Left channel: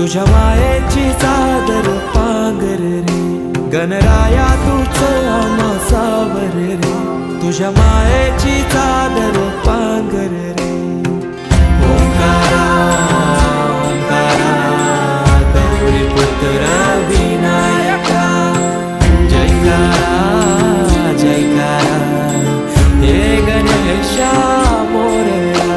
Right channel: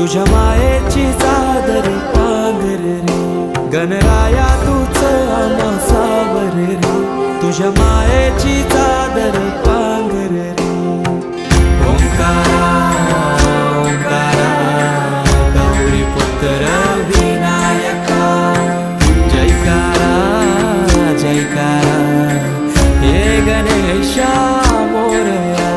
तुझ्या मायेची चादर पांघर रे, गणराया तूच आम्हा सावर रे, तुझ्या मायेची चादर पांघर रे. ओंकारा ओंकारा गौरी पुत्र विनायका, जयकारा जयकारा हे गणेशा मोरया.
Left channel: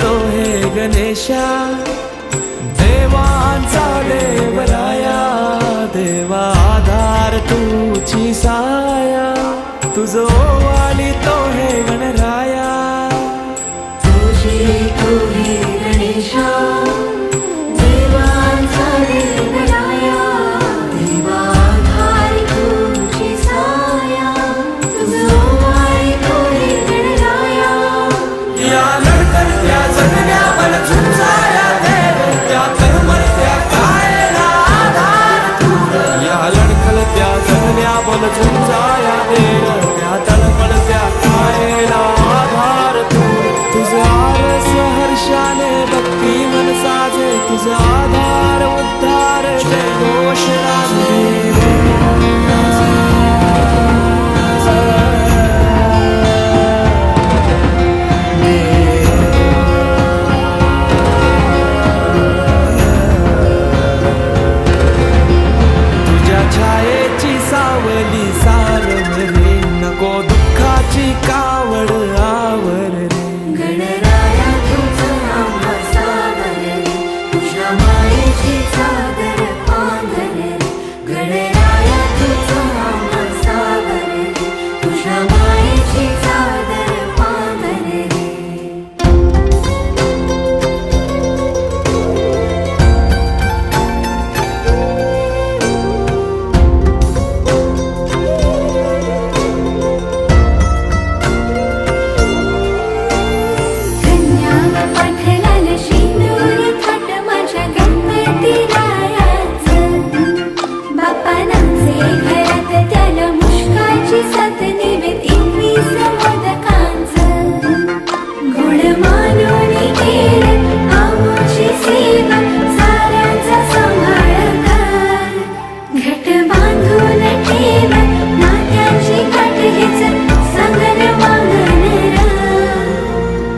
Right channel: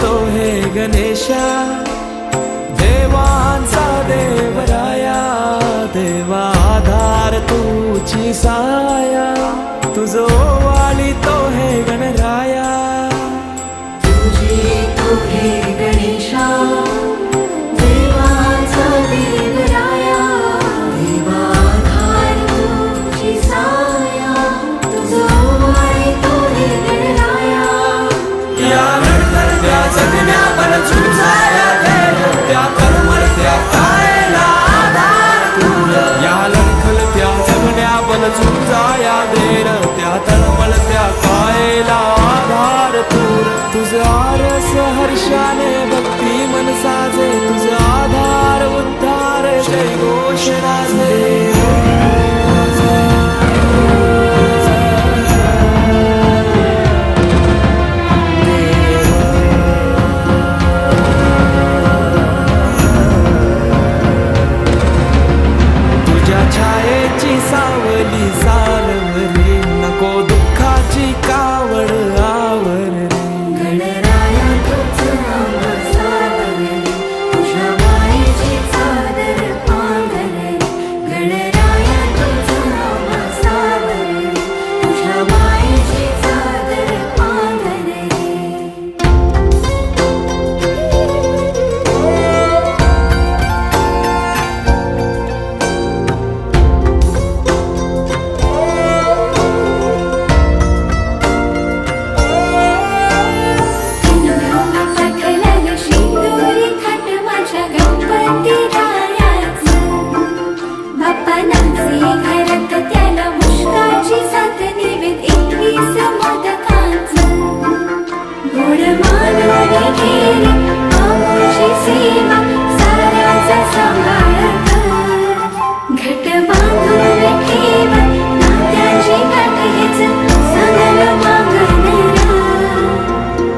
तो हे गणेशा देवांचा देवराया, देवा आधार तुझी साया, तुझो वाली तो हे गणराया. तुझी तो हे गणेशा देवांचा देवराया, देवा आधार तुझी साया, तुझो वाली तो हे गणराया. या लढकरत्या जगण्या बल झुंजाया देव, त्या तळमळत्या कायला आधार दूर. या लढकरत्या जगण्या बल झुंजाया देव, त्या तळमळत्या कायला आधार दूर. तुझं आरस हर्षाने भक्ती मन साजे, तुझं आधार उद्धार जय घोष राजे. छायेची सावली सारव रे, नको दुःखाची कावड आवर रे. गणराया तूच आम्हा सावर रे, तुझ्या मायेची चादर पांघर रे. गणराया तूच आम्हा सावर रे, तुझ्या मायेची चादर पांघर रे.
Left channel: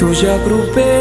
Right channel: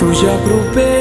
तुझ्या कृपेनं